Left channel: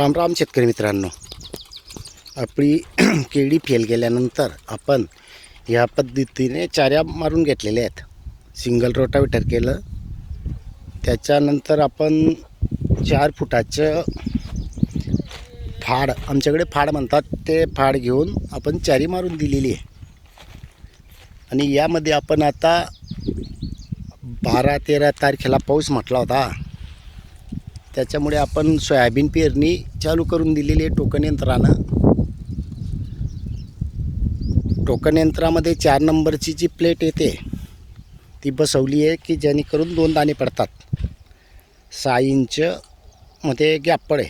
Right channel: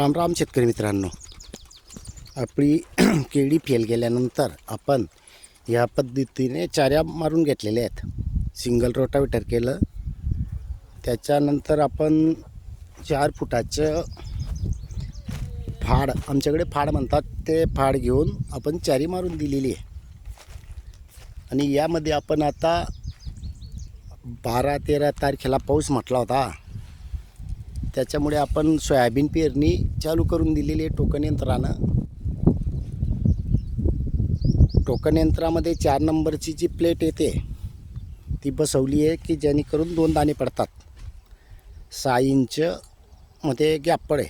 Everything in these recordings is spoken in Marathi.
राम राम शेतकरी मित्रांनो. आपली केळी फेल गेल्यानंतर आपण ह्या पद्धतीने चाऱ्या मारून घेतलेल्या आहेत. सिंगल रोटावेटर केलं. त्याच्यानंतर आपण चार फुटाचं फाड आमच्याकडे फाड म्हणतात ते फाड घेऊन आपण चारी मारून दिलेली आहे. आणि यामध्ये आपण आता बारा तेरा तारखेला पाऊस म्हटला होता. त्याच्यामुळे आपण सोयाबीन पेरणी चालू करून दिलेली आहे टोकन यंत्रानं. टोकन यंत्रामध्ये चार नंबरची जी प्लेट येते ती बसवली आहे की जेणेकरून दोन दाणे पडतात. सहा इंच मध्ये गॅप पडे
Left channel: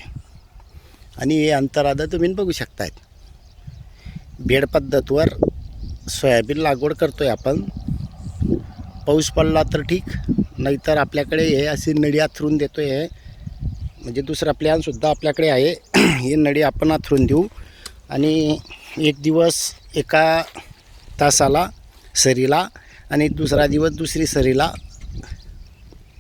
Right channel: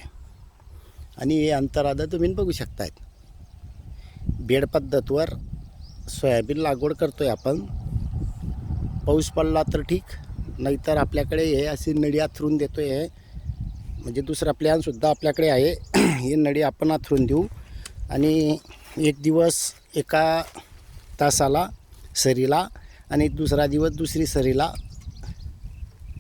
आणि हे अंतर आता तुम्ही बघू शकतायत. बेड पद्धतवर सोयाबीन लागवड करतो आहे आपण. पाऊस पडला तर ठीक नाहीतर आपल्याकडे हे अशी नडी आथरून देतो आहे म्हणजे दुसरा प्लॅनसुद्धा आपल्याकडे आहे. ही नळी आपण आथरून देऊ. आणि एक दिवस एका तासाला सरीला आणि दुसरा दिवस दुसरी सरीला.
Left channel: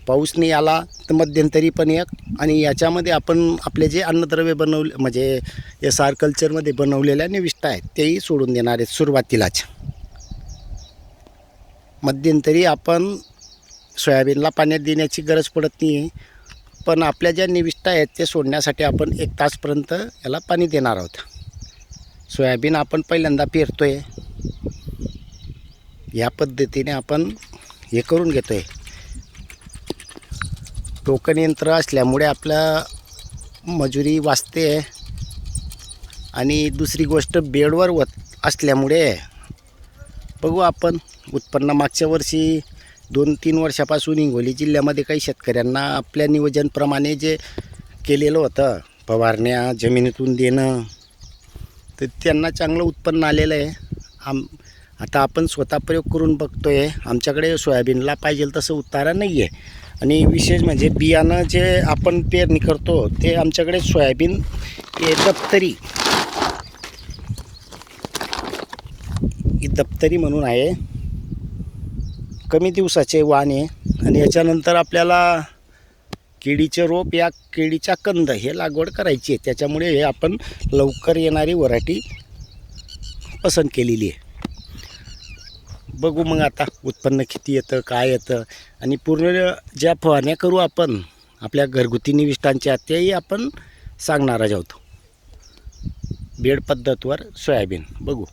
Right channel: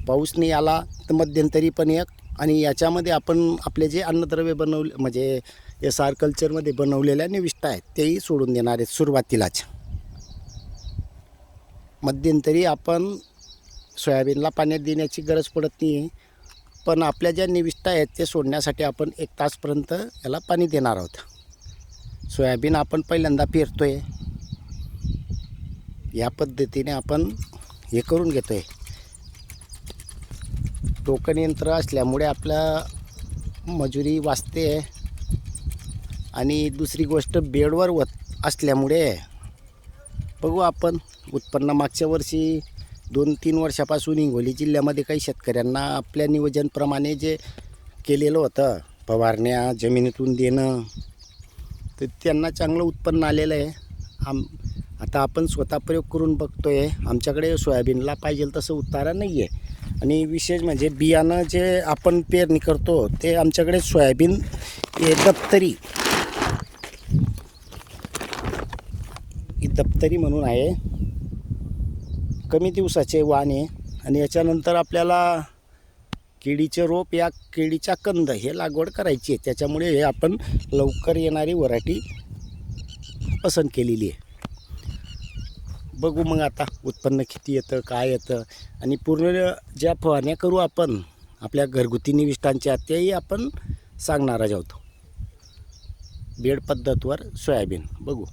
पाऊस नाही आला तर मध्यंतरी पण एक. आणि याच्यामध्ये आपण आपले जे अन्नद्रव्य बनवले म्हणजे एस आर कल्चरमध्ये बनवलेल्या निविष्ठा आहेत तेही सोडून देणार आहेत सुरुवातीलाच. मध्यंतरी आपण सोयाबीनला पाण्यात देण्याची गरज पडत नाही पण आपल्या ज्या निविष्ठा आहेत ते सोडण्यासाठी आपण एक तासपर्यंत याला पाणी देणार आहोत. सोयाबीन आपण पहिल्यांदा पेरतो आहे या पद्धतीने आपण हे करून घेतो आहे टोकन यंत्र असल्यामुळे आपल्या मजुरी वाचते. आणि दुसरी गोष्ट बेडवर वत असल्यामुळे बघू आपण उत्पन्न मागच्या वर्षी दोन तीन वर्षापासून हिंगोली जिल्ह्यामध्ये काही शेतकऱ्यांना आपल्या नियोजनप्रमाणे जे केलेलं होतं फवारण्या जमिनीतून देणं तर त्यांना चांगलं उत्पन्न आलेलं आहे. आम आता आपण स्वतः प्रयोग करून बघतो आहे आमच्याकडे सोयाबीनला पाहिजे तसं उतारा नाही आहे आणि विशेष म्हणजे बियाणं जे आपण पेरणी करतो ते आमच्याकडे सोयाबीन हे दप्तरी ही दप्तरी म्हणून आहे. कमी दिवसाचे वाण आहे. आणि याच्यानंतर आपल्याला केळीचे रोप या केळीच्या कंद हे लागवड करायची आहे. त्याच्यामुळे हे आपण लवकर येणारी व्हरायटी पसंत केलेली आहे. बघू मग आता उत्पन्न किती येतं काय येतं. आणि पूर्ण ज्या फवारण्या करू आपण आपल्या घरगुती निविष्टांच्या तेही आपण सांगणार आहोत. बेड पद्धतवर सोयाबीन. बघू.